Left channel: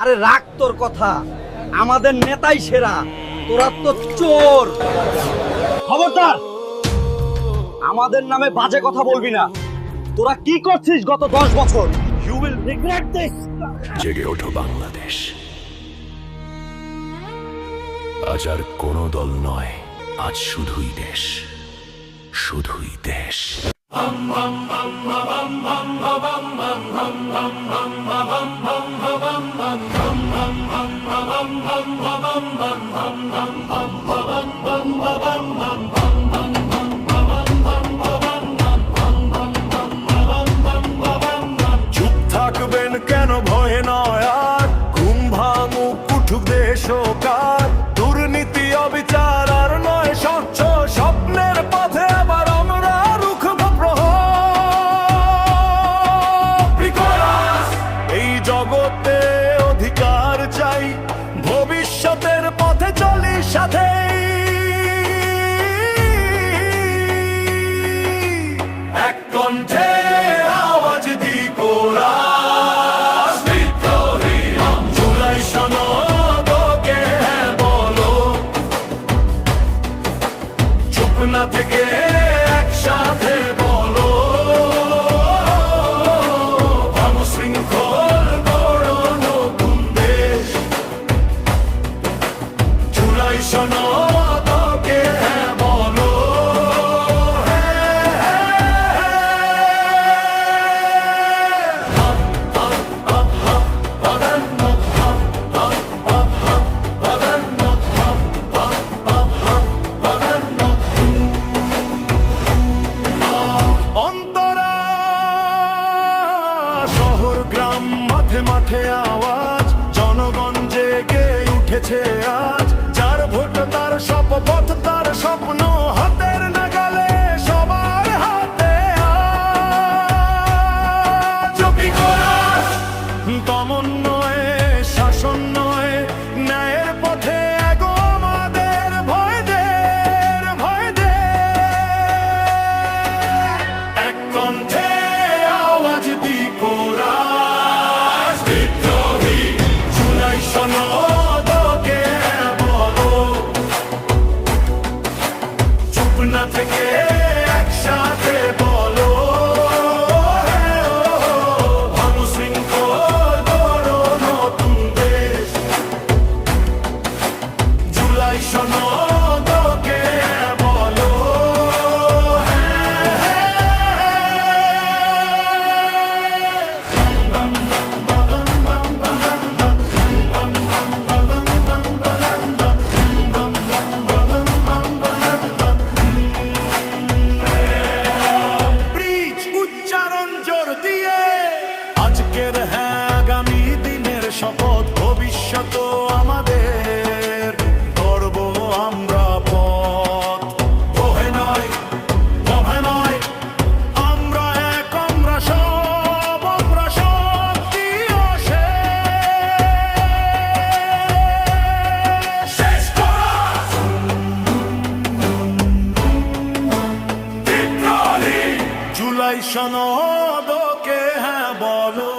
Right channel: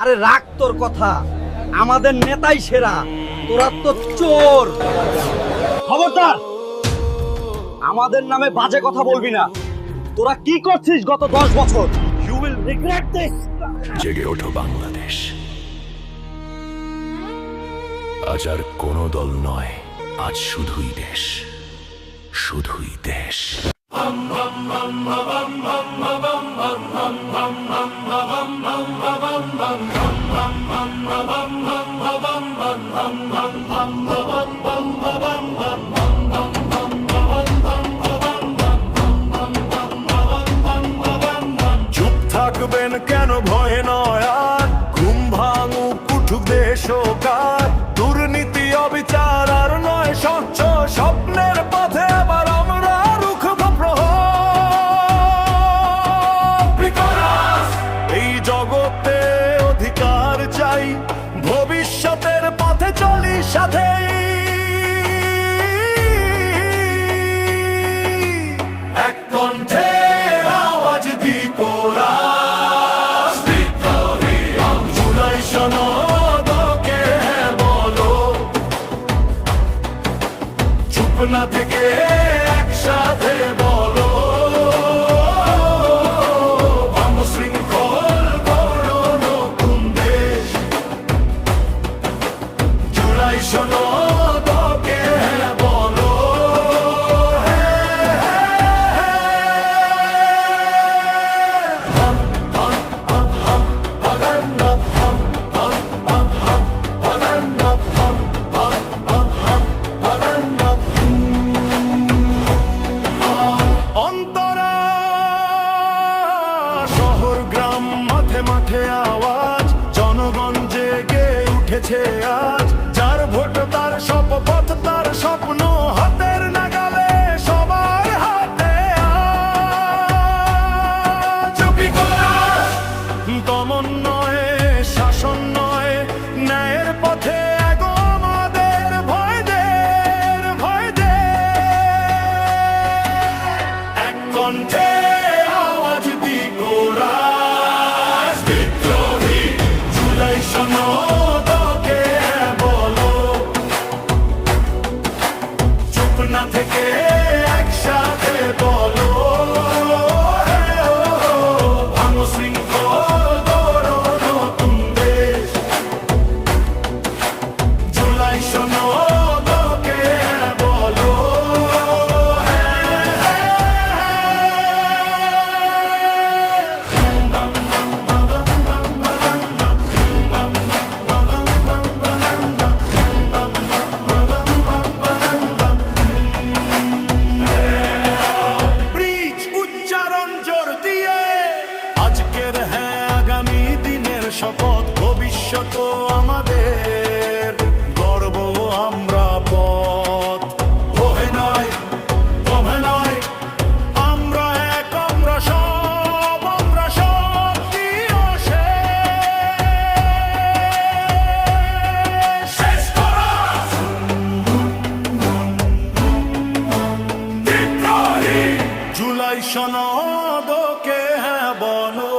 আরে রাখ তোর কথা, আমাদের নেতাই সেরা, তোরা তো চোর। খবরদার, আমাদের নামে বাজে কথা বলবি না। তোরা কি করছিস গত 10 বছর? You will regret this. জেগে ওঠো বাংলাদেশ, আজ আর কোনো দল নয়, আজ শুধুই দেশ, শুধুই দেশ। চুপ থাকবেন কেন, ভয়ে নয় আর, ঘুম ভাঙুক উঠুক দেশ ও কার, দুর্নীতি অবিচার আর নয় স্বচ্ছ স্বপ্নের পথে আবার আমরা রুখব প্রহর। এই জগতে অধিকার চাই, ভবিষ্যতের পথে চলি সাথেই, এক কণ্ঠে আওয়াজ দি কোরাস বিদ্রোহী। জুলাই সনদকে হ্যাঁ বলো, চুপ না থেকে একসাথে বলো, ভাঙো শৃঙ্খল গড়ো নতুন দেশ। জুলাই সনদকে হ্যাঁ বলো, অন্তরা শহর গ্রাম মাঠে মাঠে আওয়াজ, জনগণ জেগে উঠেছে আজ, যার ভোট তার শপথ তার স্বপ্ন হাতের নাগালে সবার হাতে আজ। দমন নয় শাসন নয়, ন্যায়ের পথে এগো আমাদের ভয় দে, ভয় দে, এক কণ্ঠে আওয়াজ দি কোরাস বিদ্রোহী। জুলাই সনদকে হ্যাঁ বলো, চুপ না থেকে একসাথে বলো, ভাঙো শৃঙ্খল গড়ো নতুন দেশ। জুলাই সনদকে হ্যাঁ বলো, উচ্চারণ জোর দিয়ে আজকের হ্যাঁ আগামী দিনের শপথ, ভবিষ্যৎ আমাদের গর্ব আমরা পথ। ওহে নয় ওহে নয়, আমরা এক, আমরা সব, আমরা শক্তি ও শেষ করা বিদ্রোহী। জুলাই সনদকে হ্যাঁ বলো,